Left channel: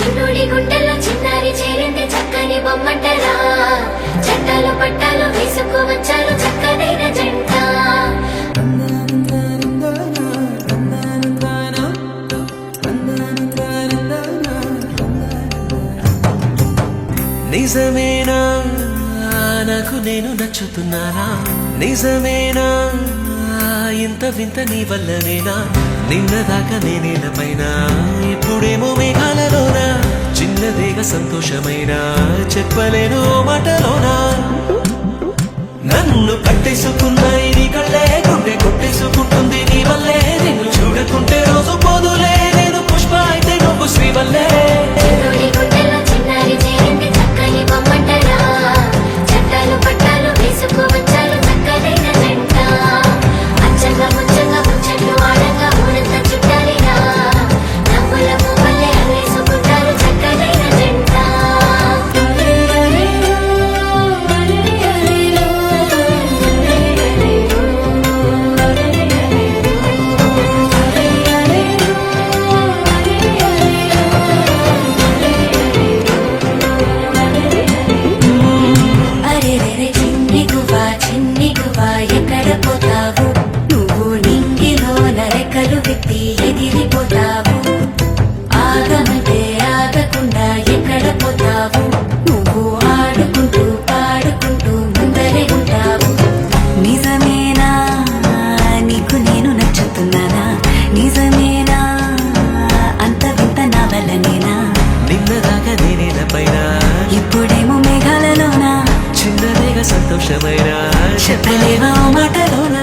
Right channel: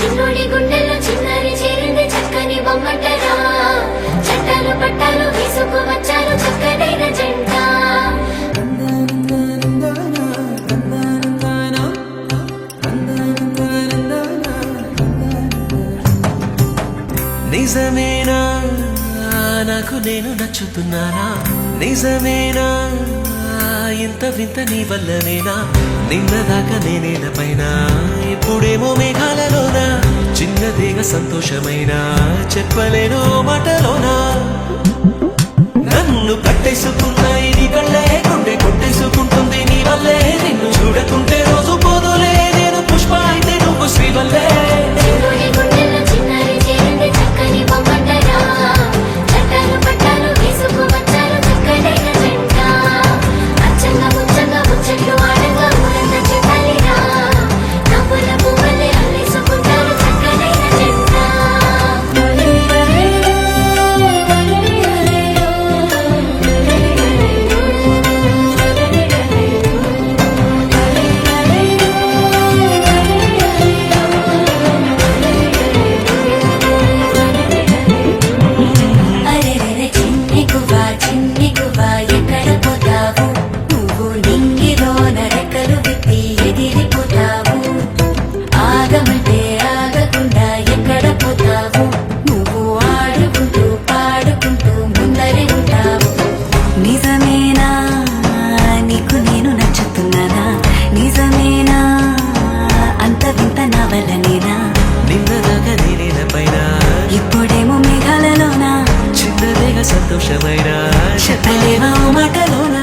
చిన్నోడి గుండెల్లో చిన్నారి చేరింది చక్కని బొమ్మంటరా చట్టాలు పట్టాలు తీసుకు వచ్చారు చక్కనైన జంట నిజమేనా నాకు నేను నచ్చుతున్నానా నిజమేనా ఇంత వింత నీ వల్లనేనా నిన్నదాకా నేనేలపైన ఇప్పుడేమో మేఘాలలోనా చిన్నదేగా సంతోషమైనా చెప్పలేను మాటలోనా నన్ను కట్టేసుకున్నాయి నీ కళ్ళే గుండె కొట్టేసుకుంటుంది నీ వల్లే నిన్ను చూడకుంటే రోజు పోదులే నేను పుష్ప అయితే నువ్వు శ్రీవల్లే చిన్నోడి గుండెల్లో చిన్నారి చేరింది చక్కని బొమ్మంటరా చట్టాలు పట్టాలు తీసుకు వచ్చారు చక్కనైన జంట అచ్చంగా ముచ్చంగా ముచ్చట్లు ఆడంగా ఊరంతా చుట్టాలిరా నవ్వుల పువ్వులే అల్లేసుకుంటారు చక్కనైన జంట అరెరెరె చిన్ని గువ్వా ఎక్కడ పోతావు నువ్వు నింగిలో నరకలు విప్పి ఎగిరిపోతావు ఆగమంటే ఆగకుండా ఎక్కడ పోతావు నువ్వు ఆడుకుంటూ పాడుకుంటూ ముందరే ఉంటావు నిజమేనా నీకు నేను నచ్చుతున్నానా నిజమేనా అంత వింత నా వల్లనేనా నిన్నదాకా నేనేలపైన ఇప్పుడేమో మేఘాలలోనా చిన్నదేగా సంతోషమైనా చెప్పలేవా ఓ మాటలోనా